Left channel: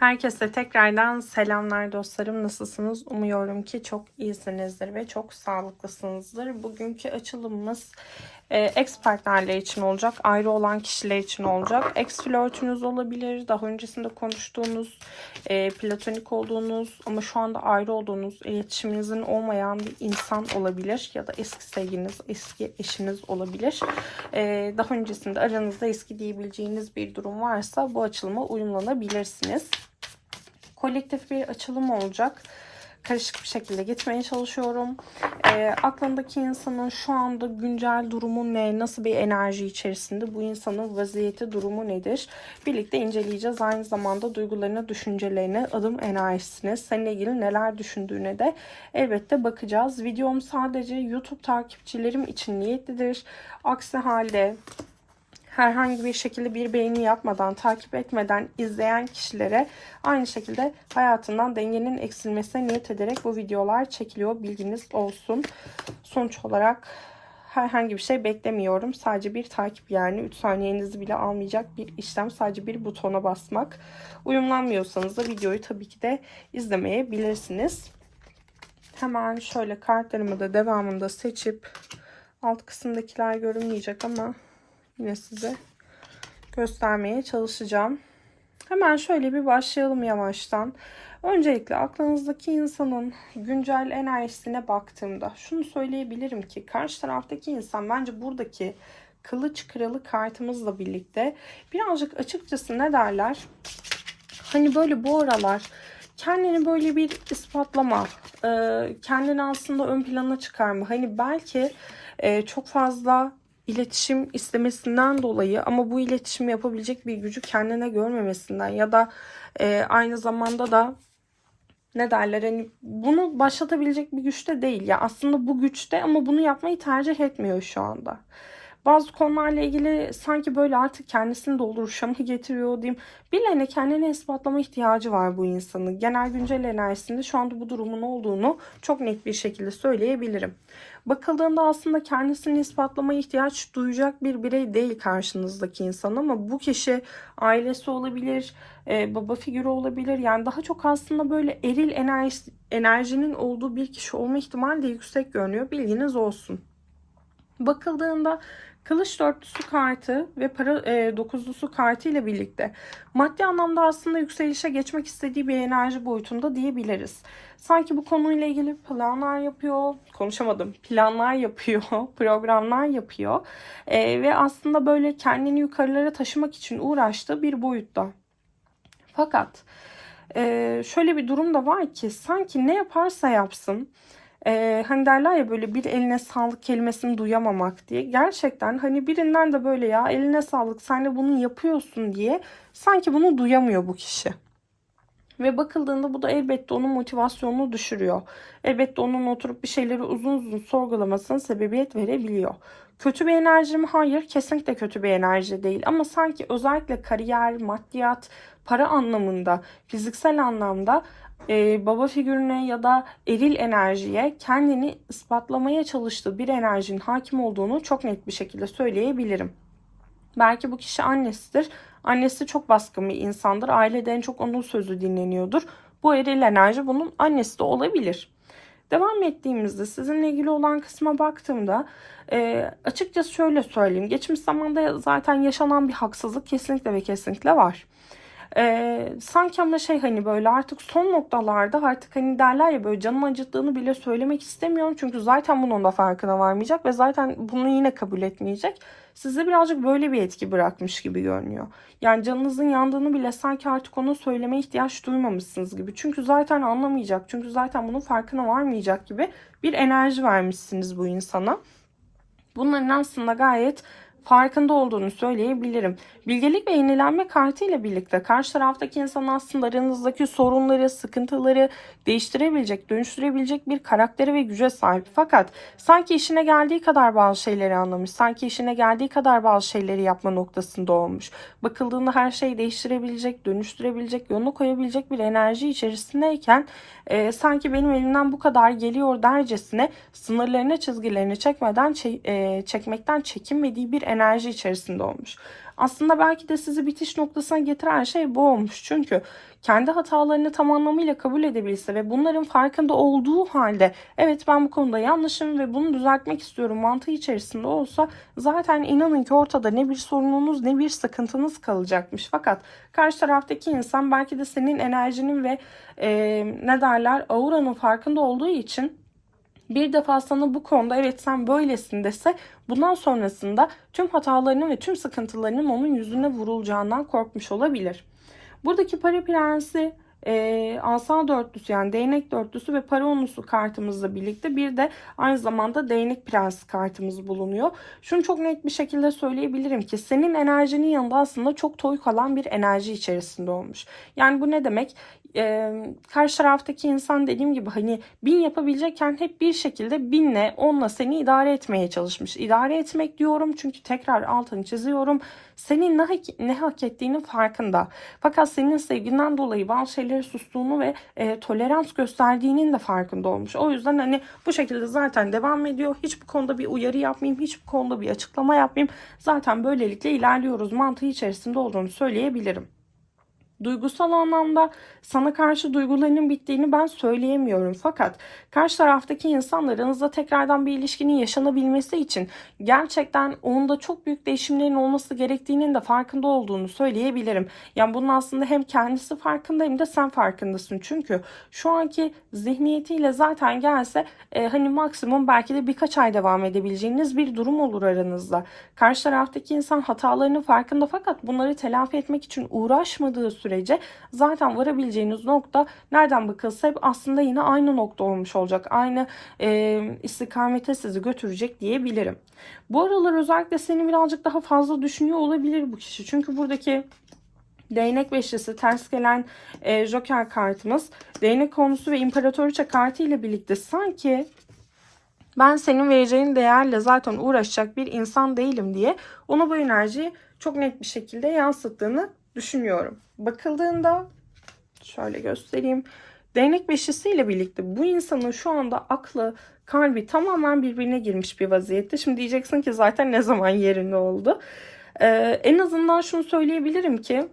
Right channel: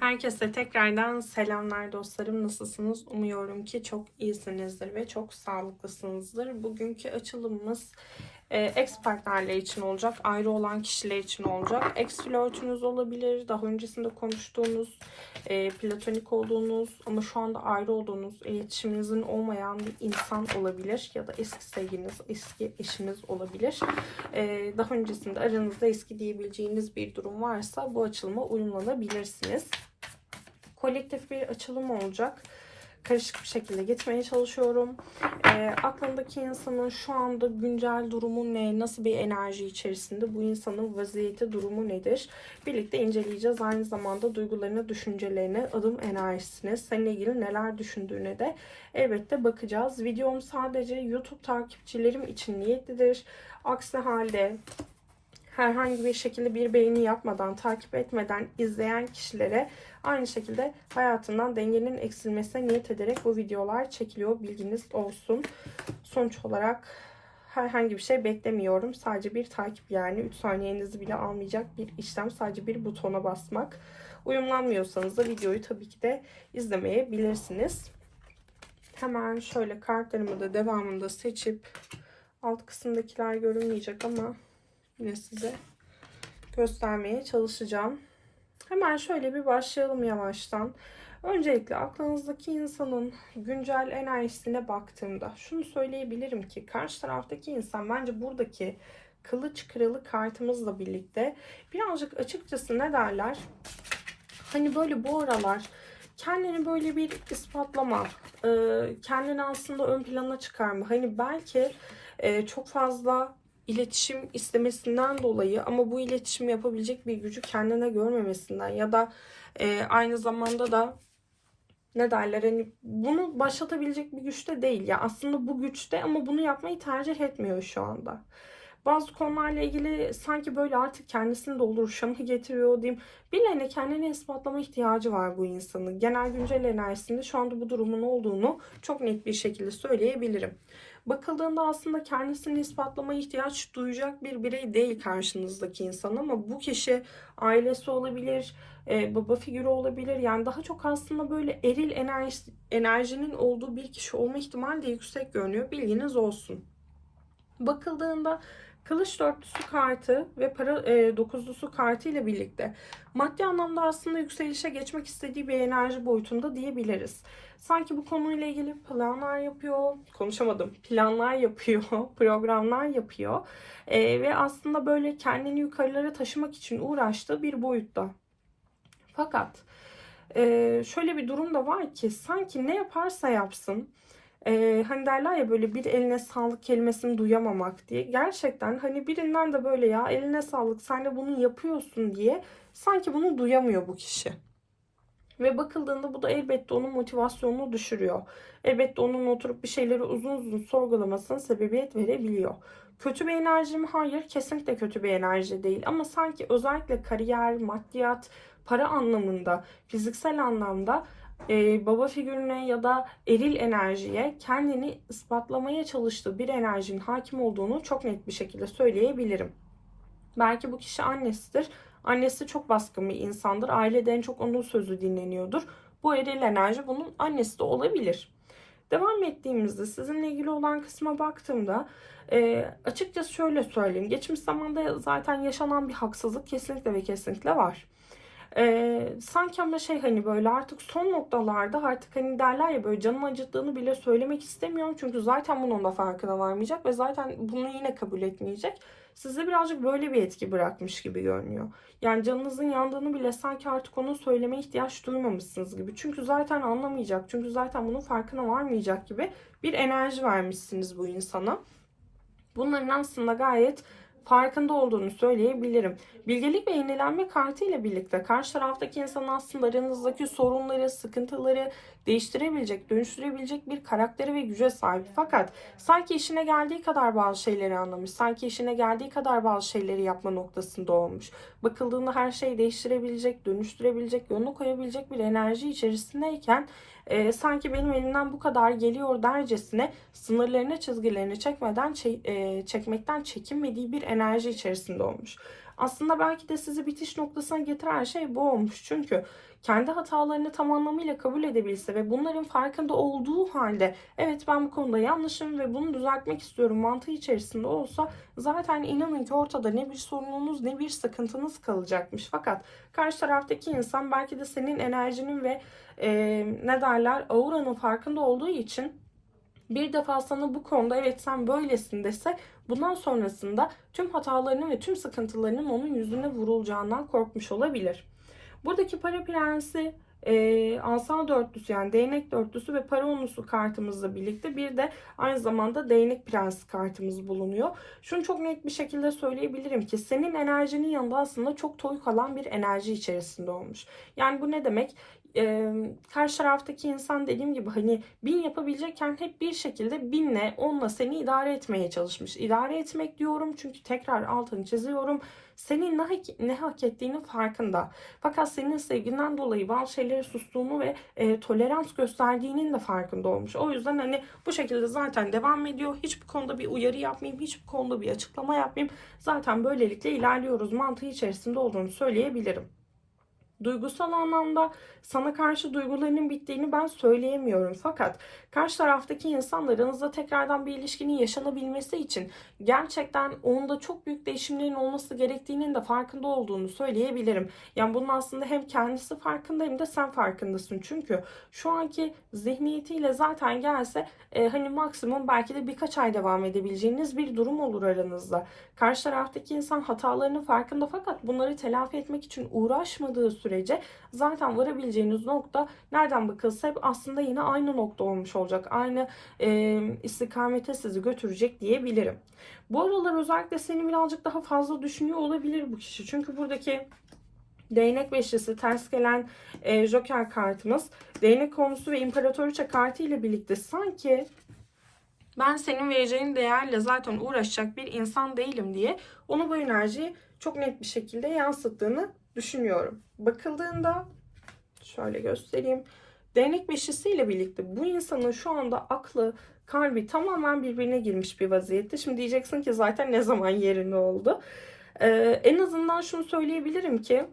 Herkese tekrardan selamlar dostlarım. Nasılsınız? Umuyorum ki çok iyisinizdir ve çok sağlıklısınızdır. Bugünkü açılımımız e, ex partnerler için olacak. Ayrı olan kişiler için olacak. Ex flörtünüz olabilir. Daha öncesinde konuştuğunuz, e, platonik olduğunuz ama şu anda ayrı olduğunuz, iletişiminizin olmayan bir insan olabilir. Ya da eski sevginiz, eski eşiniz olabilir. E, daha öncesinde aranızda eski diyebileceğiniz bir durum varsa bu açılıma uyumlanabilirsiniz kolektif bir açılım olacak. Karışık bir şekilde gitmeye çalışıyorum. E, aklındaki insanın şu anda güncel durumu ne? Nasıl bir enerji içerisinde? Bu insanın vaziyeti, durumu nedir? Birlikte inceleyeceğiz. Aynı zamanda duygularına, düşüncelerine, adım enerjisine, seninle ilgili neler düşündüğüne de elbette bakacağız. Videom sadece YouTube takipçilerim için niyetlidir. Aksi halde herhangi bir şekilde bir beğeni yapmadan, takip etmeden izleyen kişilere aynı şekilde hayatından dengenin eksilmesine niyet ederek bu videolar çekiliyor. Bilginiz olsun. Sonuç olarak herhangi bir şey beklemiyorum. Sadece bir takip yani 3 saniyenizi bile almayacak bir işlem. Sadece bir butona basmak. Uyumlanmıyorsanız da videoyu tabii ki de izlemeyebilirsiniz. Hemen şöyle kartlarımı da devamında seçip alt kısımdakiler görünmeyecek ama yine size göstermeye çalışacağım. Hemen şöyle bir başlayalım yavaştan. Öncelikle aklınızdaki insanın güncel enerjisine baktığımda şunu söyleyebilirim ki karşı taraftaki insan bence buradaki kılıç kralı kartımızla birlikte birazcık açıkçası ne derler? Hani böyle bu aralar kendini böyle bir ispatlama, kendini aslında ön plana çıkarma. Hani belki çok fazla iletişim istemesinden dolayı ama bu iletişimi yapabilecek bir gücü kendine görmemesinden ya da e, aynı zamanda da ne derler hani bunu başlatabilecek bir güçte değil ya aslında bu güçte ama bunu yapmayı tercih etmiyor şu anda. Bazı konularla ilgili sanki böyle artık kendisini dolduruşa mı getiriyor diyeyim. Birilerine kendini ispatlama ihtiyacı var bu insanın. Genel güncel enerjisinde şu anda bu durumun olduğunu çok net bir şekilde söyleyebilirim. Bakıldığında aslında kendisini ispatlamaya ihtiyaç duyacak bir birey değil karşınızdaki insan ama bu kişi ailesi olabilir, e, baba figürü olabilir. Yani daha çok aslında böyle eril enerji, enerjinin olduğu bir kişi olma ihtimali de yüksek görünüyor. Bilginiz olsun. Bakıldığında Kılıç dörtlüsü kartı ve para e, dokuzlusu kartı ile birlikte maddi anlamda aslında yükselişe geçmek istediği bir enerji boyutunda diyebiliriz. Sanki bu konuyla ilgili planlar yapıyor, konuşamadım, planlar yapıyor, programlar yapıyor e, ve aslında böyle kendini yukarılara taşımak için uğraştığı bir boyutta. Fakat e, şöyle bir durum da var ki sanki ne yaparsa yapsın ee, hani derler ya böyle bir eline sağlık kelimesini duyamamak diye. Gerçekten hani birinden de böyle ya eline sağlık sen de bunu yapıyorsun diye sanki bunu duyamıyor bu kişi. Ve bakıldığında bu da elbette onun motivasyonunu düşürüyor. Elbette onun oturup bir şeyleri uzun uzun sorgulamasına sebebiyet verebiliyor. Kötü bir enerji mi? Hayır. Kesinlikle kötü bir enerji değil. Ama sanki özellikle kariyer, maddiyat, para anlamında, fiziksel anlamda e, baba figürüne ya da eril enerjiye kendini ispatlamaya çalıştığı bir enerjinin hakim olduğunu çok net bir şekilde söyleyebilirim. Belki bu kişi annesidir. Annesi çok baskın bir insandır. Ailede en çok onun sözü dinleniyordur. Bu eril enerji bunun annesi de olabilir. Devam ettiğimizde sizinle ilgili olan kısma baktığımda e, açıkçası şöyle söyleyeyim. Geçmiş zamanda zaten yaşanan bir haksızlık kesinlikle ve kesinlikle var. Ee, sanki ama şey hani böyle artık son noktalarda artık hani derler ya böyle canım acıttığını bile söylemek istemiyorum. Çünkü zaten bunun da farkına varmayacak ve zaten bunu yine kabul etmeyecek. Size birazcık böyle bir etki bırakmış gibi görünüyor. Yani canınızın yandığını bile sanki artık onu söyleme ihtiyaç duymamışsınız gibi. Çünkü zaten anlamayacak. Çünkü zaten bunun farkına varmayacak gibi bir enerji vermişsiniz bu insana. Bunların aslında gayet farkında olduğunu söyleyebilirim. Bilgelik ve yenilenme kartı ile birlikte karşı taraftaki insan aslında aranızdaki sorunları, sıkıntıları değiştirebilecek, dönüştürebilecek bir karaktere ve güce sahip. Fakat sanki işine geldiği kadar bazı şeyleri anlamış, sanki işine geldiği kadar bazı şeyleri yapma noktasında olmuş. Bakıldığında her şeyi değiştirebilecek, dönüştürebilecek, yolunu koyabilecek bir enerji içerisindeyken e, sanki benim elimden bu kadar geliyor dercesine sınırlarını, çizgilerini çekmeden e, çekmekten çekinmediği bir enerji içerisinde olmuş. Aslında belki de sizi bitiş noktasına getiren şey bu olmuş. Çünkü kendi hatalarını tam anlamıyla kabul edebilse ve bunların farkında olduğu halde evet ben bu konuda yanlışım ve bunu düzeltmek istiyorum mantığı içerisinde olsa zaten inanın ki ortada ne bir sorununuz ne bir sıkıntınız kalacakmış. Fakat karşı taraftaki insan belki de senin enerjinin ve e, ne derler auranın farkında olduğu için bir defa sana bu konuda evet sen böylesin dese bundan sonrasında tüm hatalarının ve tüm sıkıntılarının onun yüzüne vurulacağından korkmuş olabilir. Buradaki para prensi e, asa dörtlüsü yani değnek dörtlüsü ve para onlusu kartımızla birlikte bir de aynı zamanda değnek prensi kartımız bulunuyor. Şunu çok net bir şekilde söyleyebilirim ki senin enerjinin yanında aslında çok toy kalan bir enerji içerisinde olmuş. Yani bu ne demek? E, karşı taraftaki insan dediğim gibi hani bin yapabilecekken hep bir şekilde binle onla seni idare etmeye çalışmış. İdare etmek diyorum çünkü tekrar altını çiziyorum. Senin ne hak, ne hak ettiğinin farkında. Fakat senin sevginden dolayı bazı şeyleri sustuğunu ve e, tolerans gösterdiğinin de farkında olmuş. O yüzden hani bu şekilde zaten devam ediyor. Hiç bu konuda bir uyarı yapmayayım, hiç bu konuda bir açıklama yapmayayım. Zaten böylelikle ilerliyoruz mantığı içerisinde olduğunu söyleyebilirim. Duygusal anlamda sana karşı duygularının bittiğini ben söyleyemiyorum. Fakat karşı taraftaki insanla aranızda tekrardan bir ilişkinin yaşanabilmesi için gerçekten onda çok büyük değişimlerin olması gerektiğinin de farkında olduğunu söyleyebilirim. Yani bunun aslında hem kendisi farkında hem de sen farkındasın. Çünkü şu anki zihniyetiyle zaten gelse e, hani maksimum belki de birkaç ay devam edebileceğiniz bir durum olur aranızda. Karşı taraftaki insan hatalarının farkında fakat bunları telafi etmek için uğraşmadığı sürece zaten varabileceğiniz nokta nereden bakılsa hep aslında yine aynı nokta olmuş olacak. Aynı e, istikamete sizi götürecek diyebilirim. Bu aralar özellikle seni birazcık daha fazla düşünüyor olabilir bu kişi. Çünkü buradaki Değnek beşlisi ters gelen e, Joker kartımız. Değnek konusu ve İmparatoriçe kartı ile birlikte sanki ben senin vereceğin değerle zaten uğraşacak bir insan değilim diye ona bu enerjiyi çok net bir şekilde yansıttığını düşünüyorum. Bakıldığında şöyle göstereyim. Değnek beşlisi ile birlikte bu insanın şu anda aklı, kalbi tamamen birbirine girmiş bir vaziyette. Şimdi diyeceksin ki zaten ne zaman yerinde oldu. Ee, en azından şunu söyleyebilirim ki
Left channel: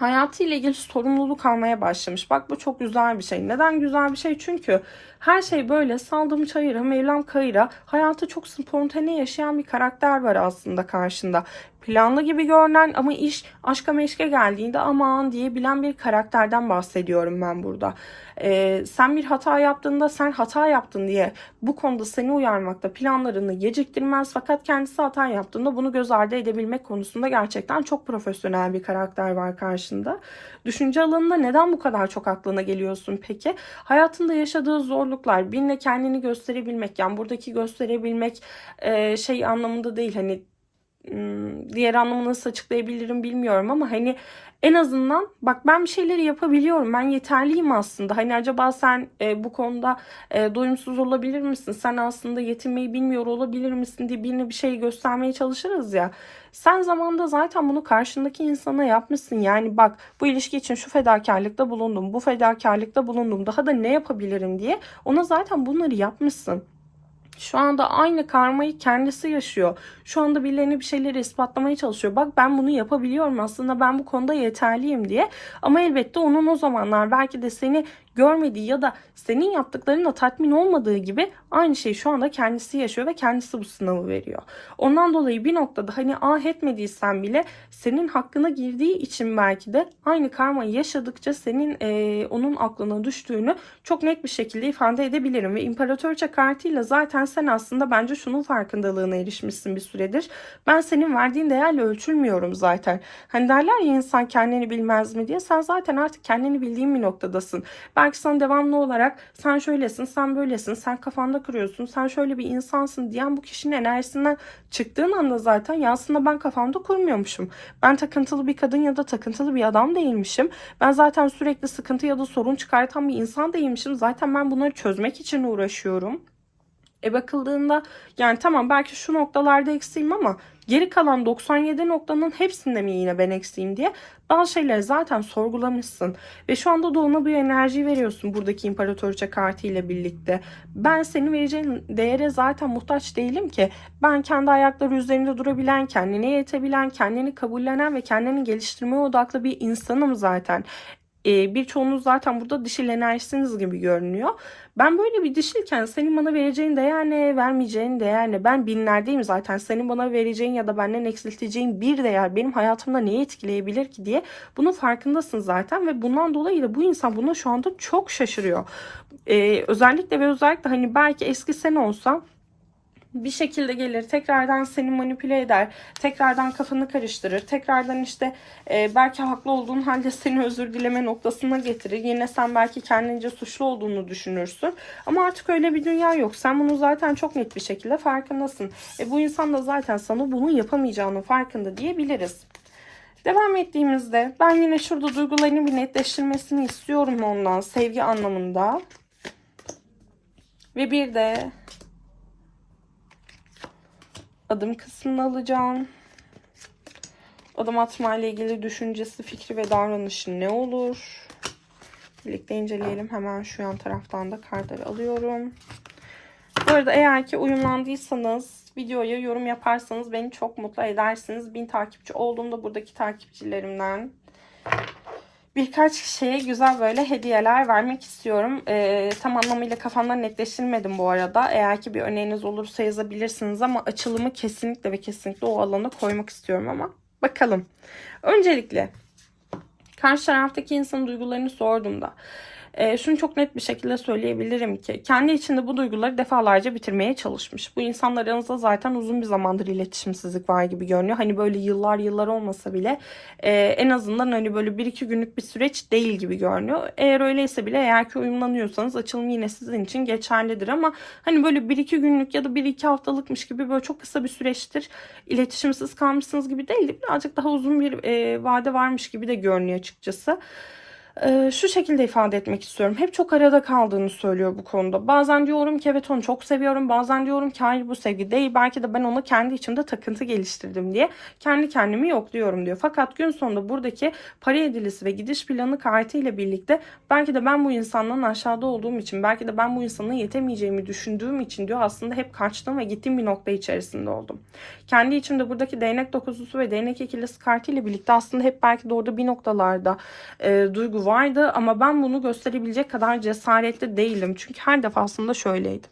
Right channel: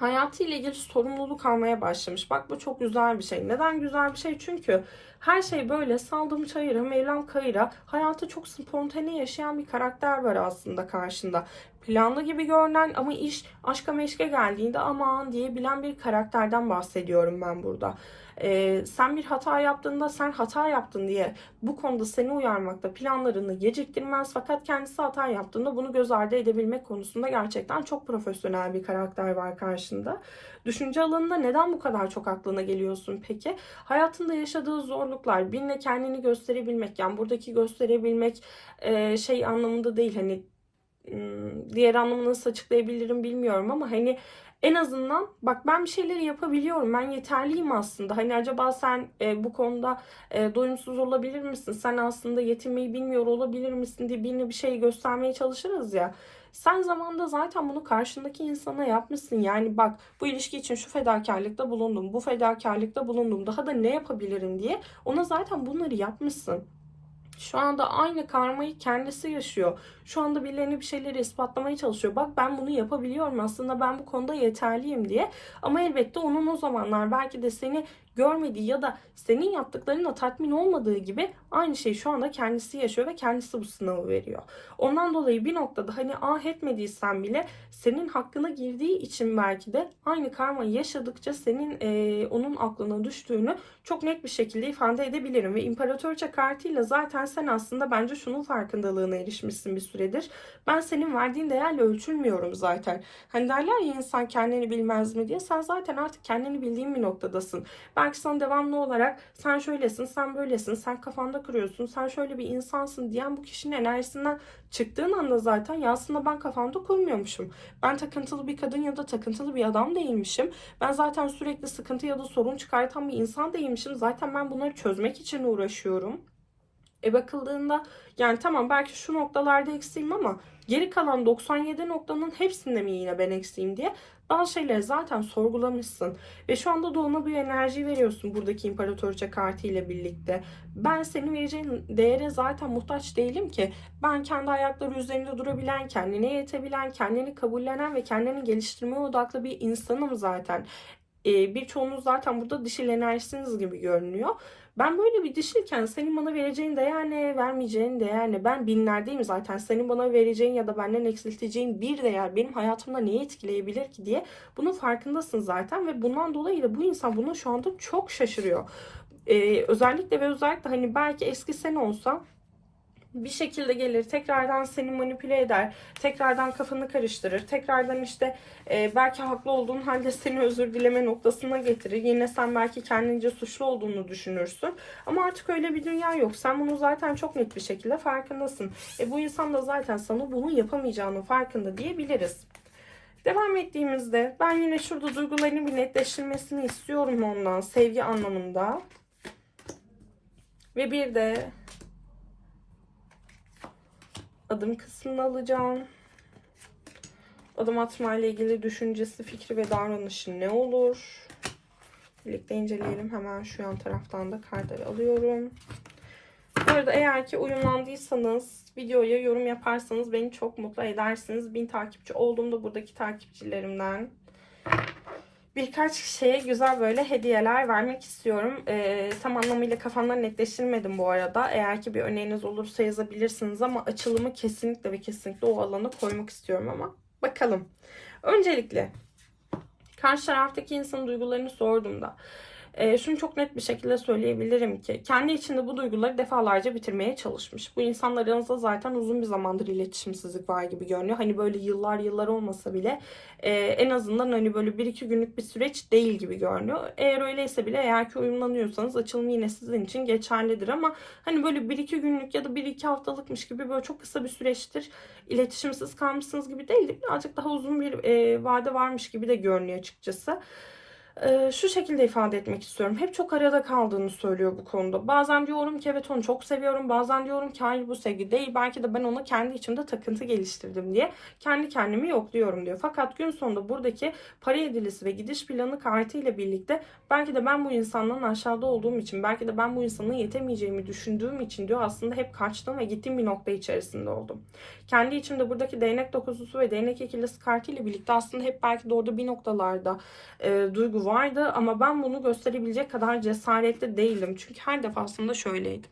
hayatıyla ilgili sorumluluk almaya başlamış. Bak bu çok güzel bir şey. Neden güzel bir şey? Çünkü her şey böyle saldım çayıra, mevlam kayıra. Hayatı çok spontane yaşayan bir karakter var aslında karşında. Planlı gibi görünen ama iş aşka meşke geldiğinde aman diyebilen bir karakterden bahsediyorum ben burada. Ee, sen bir hata yaptığında sen hata yaptın diye bu konuda seni uyarmakta planlarını geciktirmez fakat kendisi hata yaptığında bunu göz ardı edebilmek konusunda gerçekten çok profesyonel bir karakter var karşında. Düşünce alanında neden bu kadar çok aklına geliyorsun peki? Hayatında yaşadığı zorluklar, birine kendini gösterebilmek yani buradaki gösterebilmek e, şey anlamında değil hani diğer anlamı nasıl açıklayabilirim bilmiyorum ama hani en azından bak ben bir şeyleri yapabiliyorum. Ben yeterliyim aslında. Hani acaba sen e, bu konuda e, doyumsuz olabilir misin? Sen aslında yetinmeyi bilmiyor olabilir misin diye birine bir şey göstermeye çalışırız ya. Sen zamanda zaten bunu karşındaki insana yapmışsın. Yani bak bu ilişki için şu fedakarlıkta bulundum. Bu fedakarlıkta bulundum. Daha da ne yapabilirim diye ona zaten bunları yapmışsın. Şu anda aynı karmayı kendisi yaşıyor. Şu anda birilerine bir şeyleri ispatlamaya çalışıyor. Bak ben bunu yapabiliyorum aslında ben bu konuda yeterliyim diye. Ama elbette onun o zamanlar belki de seni görmediği ya da senin yaptıklarınla tatmin olmadığı gibi aynı şeyi şu anda kendisi yaşıyor ve kendisi bu sınavı veriyor. Ondan dolayı bir noktada hani ah etmediysen bile senin hakkına girdiği için belki de aynı karmayı yaşadıkça senin e, onun aklına düştüğünü çok net bir şekilde ifade edebilirim. Ve İmparatorça kartıyla zaten sen aslında bence şunun farkındalığına erişmişsin bir süredir. Ben senin verdiğin değerle ölçülmüyorum zaten. Hani derler ya insan kendini bilmez mi diye. Sen zaten artık kendini bildiğin bir noktadasın. Belki sana devamlı olarak sen şöylesin, sen böylesin, sen kafanda kırıyorsun, sen şöyle bir insansın diyen bu kişinin enerjisinden çıktığın anda zaten ya aslında ben kafamda kurmuyormuşum. Ben takıntılı bir kadın ya da takıntılı bir adam değilmişim. Ben zaten sürekli sıkıntı ya da sorun çıkartan bir insan değilmişim. Zaten ben bunları çözmek için uğraşıyorum. E bakıldığında yani tamam belki şu noktalarda eksiğim ama geri kalan 97 noktanın hepsinde mi yine ben eksiğim diye bazı şeyleri zaten sorgulamışsın. Ve şu anda da ona bir enerji veriyorsun buradaki imparatoriçe kartı ile birlikte. Ben senin vereceğin değere zaten muhtaç değilim ki. Ben kendi ayakları üzerinde durabilen, kendine yetebilen, kendini kabullenen ve kendini geliştirmeye odaklı bir insanım zaten e, birçoğunuz zaten burada dişil enerjisiniz gibi görünüyor. Ben böyle bir dişilken senin bana vereceğin değer ne, vermeyeceğin değer ne? Ben binlerdeyim zaten. Senin bana vereceğin ya da benden eksilteceğin bir değer benim hayatımda neyi etkileyebilir ki diye bunun farkındasın zaten ve bundan dolayı da bu insan buna şu anda çok şaşırıyor. Ee, özellikle ve özellikle hani belki eski sen olsan bir şekilde gelir tekrardan seni manipüle eder tekrardan kafanı karıştırır tekrardan işte e, belki haklı olduğun halde seni özür dileme noktasına getirir. Yine sen belki kendince suçlu olduğunu düşünürsün. Ama artık öyle bir dünya yok. Sen bunu zaten çok net bir şekilde farkındasın. E, bu insan da zaten sana bunu yapamayacağını farkında diyebiliriz. Devam ettiğimizde ben yine şurada duygularını bir netleştirmesini istiyorum ondan sevgi anlamında. Ve bir de adım kısmını alacağım. Adım atma ile ilgili düşüncesi, fikri ve davranışı ne olur? Birlikte inceleyelim. Hemen şu yan taraftan da kartları alıyorum. Bu arada eğer ki uyumlandıysanız videoya yorum yaparsanız beni çok mutlu edersiniz. Bin takipçi olduğumda buradaki takipçilerimden birkaç kişiye güzel böyle hediyeler vermek istiyorum. Ee, tam anlamıyla kafamdan netleştirmedim bu arada. Eğer ki bir öneriniz olursa yazabilirsiniz ama açılımı kesinlikle ve kesinlikle o alana koymak istiyorum ama bakalım. Öncelikle karşı taraftaki insanın duygularını sorduğumda e, şunu çok net bir şekilde söyleyebilirim ki kendi içinde bu duyguları defalarca bitirmeye çalışmış. Bu insanlarınızda zaten uzun bir zamandır iletişimsizlik var gibi görünüyor. Hani böyle yıllar yıllar olmasa bile e, en azından hani böyle bir iki günlük bir süreç değil gibi görünüyor. Eğer öyleyse bile eğer ki uyumlanıyorsanız açılım yine sizin için geçerlidir ama hani böyle bir iki günlük ya da bir iki haftalıkmış gibi böyle çok kısa bir süreçtir iletişimsiz kalmışsınız gibi değil. Birazcık daha uzun bir e, vade varmış gibi de görünüyor açıkçası. Ee, şu şekilde ifade etmek istiyorum. Hep çok arada kaldığını söylüyor bu konuda. Bazen diyorum ki evet onu çok seviyorum. Bazen diyorum ki hayır bu sevgi değil. Belki de ben ona kendi içimde takıntı geliştirdim diye kendi kendimi yokluyorum diyor. Fakat gün sonunda buradaki para edilisi ve gidiş planı kartı ile birlikte belki de ben bu insandan aşağıda olduğum için belki de ben bu insana yetemeyeceğimi düşündüğüm için diyor aslında hep kaçtım ve gittiğim bir nokta içerisinde oldum. Kendi içimde buradaki değnek dokuzusu ve değnek ikilisi kartı ile birlikte aslında hep belki de orada bir noktalarda e, duygu vardı ama ben bunu gösterebilecek kadar cesaretli değilim. Çünkü her defasında şöyleydim.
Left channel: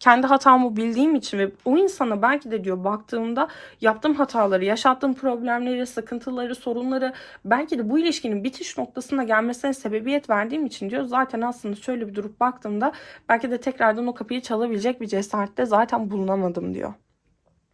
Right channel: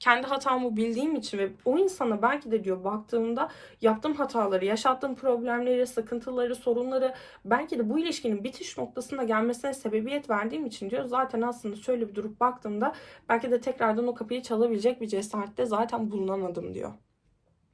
Kendi hatamı bildiğim için ve o insana belki de diyor baktığımda yaptığım hataları, yaşattığım problemleri, sıkıntıları, sorunları belki de bu ilişkinin bitiş noktasına gelmesine sebebiyet verdiğim için diyor zaten aslında şöyle bir durup baktığımda belki de tekrardan o kapıyı çalabilecek bir cesarette zaten bulunamadım diyor.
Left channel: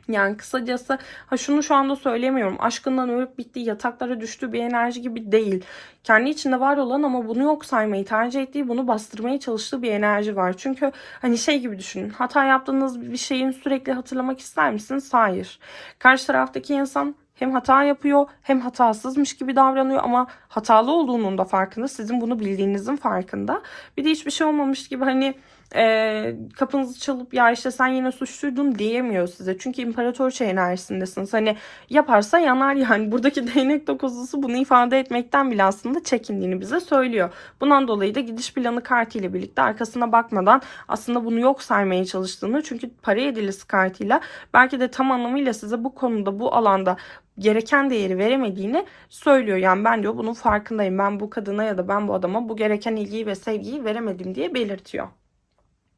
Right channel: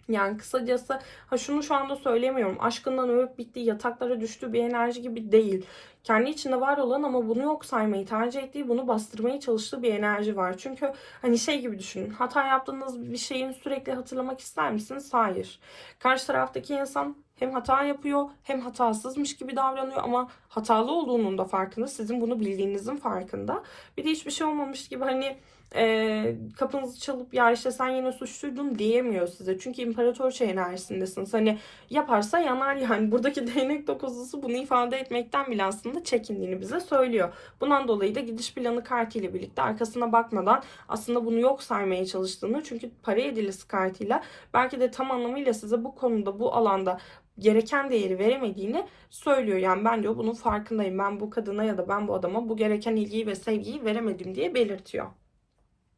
Yani kısacası ha şunu şu anda söylemiyorum. Aşkından ölüp bittiği, yataklara düştüğü bir enerji gibi değil. Kendi içinde var olan ama bunu yok saymayı tercih ettiği, bunu bastırmaya çalıştığı bir enerji var. Çünkü hani şey gibi düşünün. Hata yaptığınız bir şeyin sürekli hatırlamak ister misiniz? Hayır. Karşı taraftaki insan hem hata yapıyor hem hatasızmış gibi davranıyor ama hatalı olduğunun da farkında. Sizin bunu bildiğinizin farkında. Bir de hiçbir şey olmamış gibi hani e, kapınızı çalıp ya işte sen yine suçluydun diyemiyor size. Çünkü imparatorça enerjisindesiniz. Hani yaparsa yanar yani. Buradaki değnek dokuzusu bunu ifade etmekten bile aslında çekindiğini bize söylüyor. Bundan dolayı da gidiş planı kartıyla birlikte arkasına bakmadan aslında bunu yok saymaya çalıştığını çünkü para edilisi kartıyla belki de tam anlamıyla size bu konuda bu alanda gereken değeri veremediğini söylüyor. Yani ben diyor bunun farkındayım. Ben bu kadına ya da ben bu adama bu gereken ilgiyi ve sevgiyi veremedim diye belirtiyor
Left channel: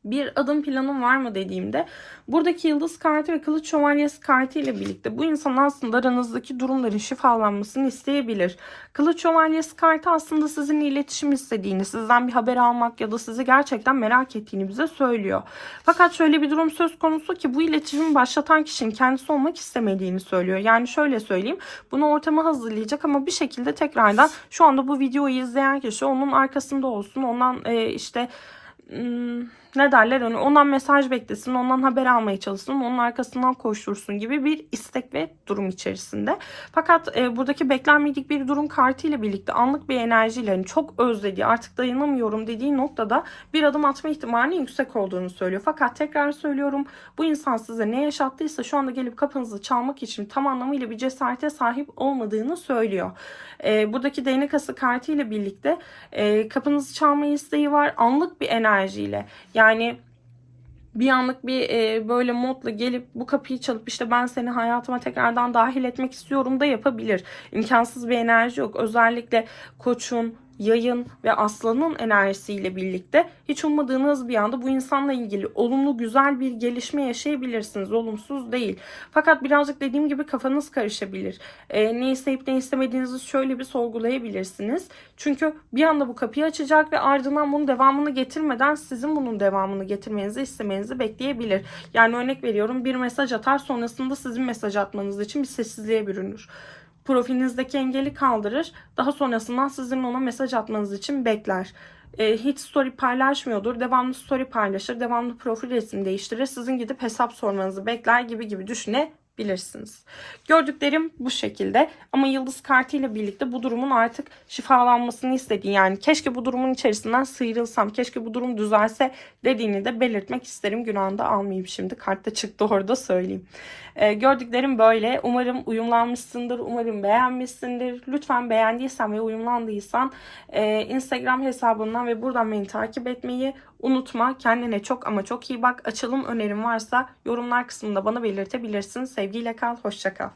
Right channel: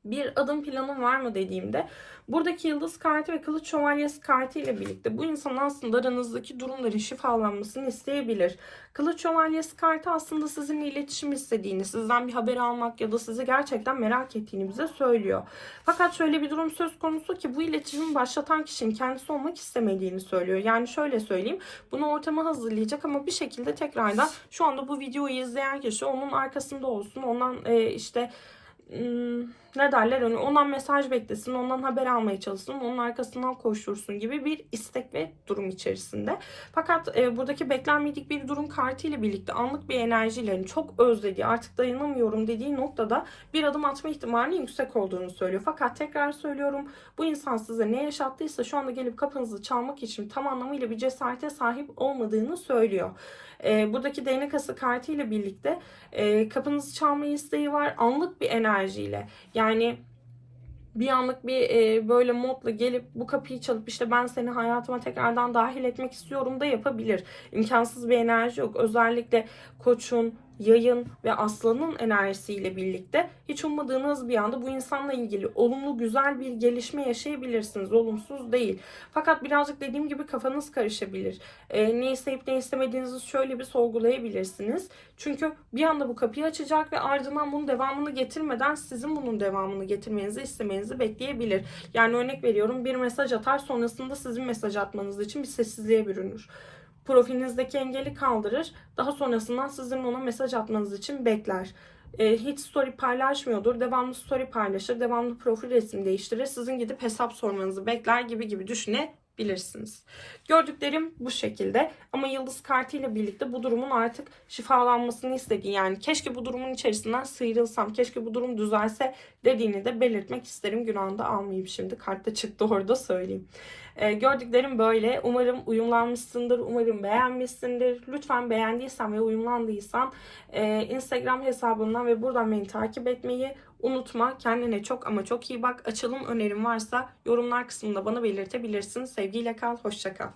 bir adım planın var mı dediğimde buradaki yıldız kartı ve kılıç şövalyesi kartı ile birlikte bu insan aslında aranızdaki durumların şifalanmasını isteyebilir. Kılıç şövalyesi kartı aslında sizinle iletişim istediğini, sizden bir haber almak ya da sizi gerçekten merak ettiğini bize söylüyor. Fakat şöyle bir durum söz konusu ki bu iletişimi başlatan kişinin kendisi olmak istemediğini söylüyor. Yani şöyle söyleyeyim bunu ortama hazırlayacak ama bir şekilde tekrardan şu anda bu videoyu izleyen kişi onun arkasında olsun. Ondan e, işte Hmm, ne derler onu ondan mesaj beklesin ondan haber almaya çalışsın onun arkasından koştursun gibi bir istek ve durum içerisinde. Fakat e, buradaki beklenmedik bir durum kartı ile birlikte anlık bir enerjiyle yani çok özlediği artık dayanamıyorum dediği noktada bir adım atma ihtimalinin yüksek olduğunu söylüyor. Fakat tekrar söylüyorum bu insan size ne yaşattıysa şu anda gelip kapınızı çalmak için tam anlamıyla bir cesarete sahip olmadığını söylüyor. E, buradaki değnek ası kartı ile birlikte e, kapınızı çalma isteği var anlık bir enerjiyle. Yani bir anlık bir e, böyle modla gelip bu kapıyı çalıp işte ben seni hayatıma tekrardan dahil etmek istiyorum da yapabilir. İmkansız bir enerji yok. Özellikle koçun, yayın ve aslanın enerjisiyle birlikte hiç ummadığınız bir anda bu insanla ilgili olumlu güzel bir gelişme yaşayabilirsiniz. Olumsuz değil. Fakat birazcık dediğim gibi kafanız karışabilir. E, ne isteyip ne istemediğinizi şöyle bir sorgulayabilirsiniz. Çünkü bir anda bu kapıyı açacak ve ardından bunun devamını getirmeden sizin bunun devamını getirmenizi istemenizi bekleyebilir. Yani örnek veriyorum bir mesaj atar sonrasında sizin mesaj atmanız için bir sessizliğe bürünür. Profilinizdeki engeli kaldırır. Daha sonrasından sizin ona mesaj atmanız için bekler. E, hiç story paylaşmıyordur. Devamlı story paylaşır. Devamlı profil resim değiştirir. Sizin gidip hesap sormanızı bekler gibi gibi düşünebilirsiniz. Gördüklerim bu şekilde. Ama yıldız kartıyla birlikte bu durumun artık şifalanmasını istediği yani keşke bu durumun içerisinden sıyrılsam, keşke bu durum düzelse dediğini de belirtmek isterim. Günahında almayayım şimdi. Kartta çıktı orada söyleyeyim. Ee, gördüklerim böyle. Umarım uyumlanmışsındır. Umarım beğenmişsindir. Lütfen beğendiysen ve uyumlandıysan e, Instagram hesabından ve buradan beni takip etmeyi unutma. Kendine çok ama çok iyi bak. Açılım önerim varsa yorumlar kısmında bana belirtebilirsin. Sevgiyle kal. Hoşça kal.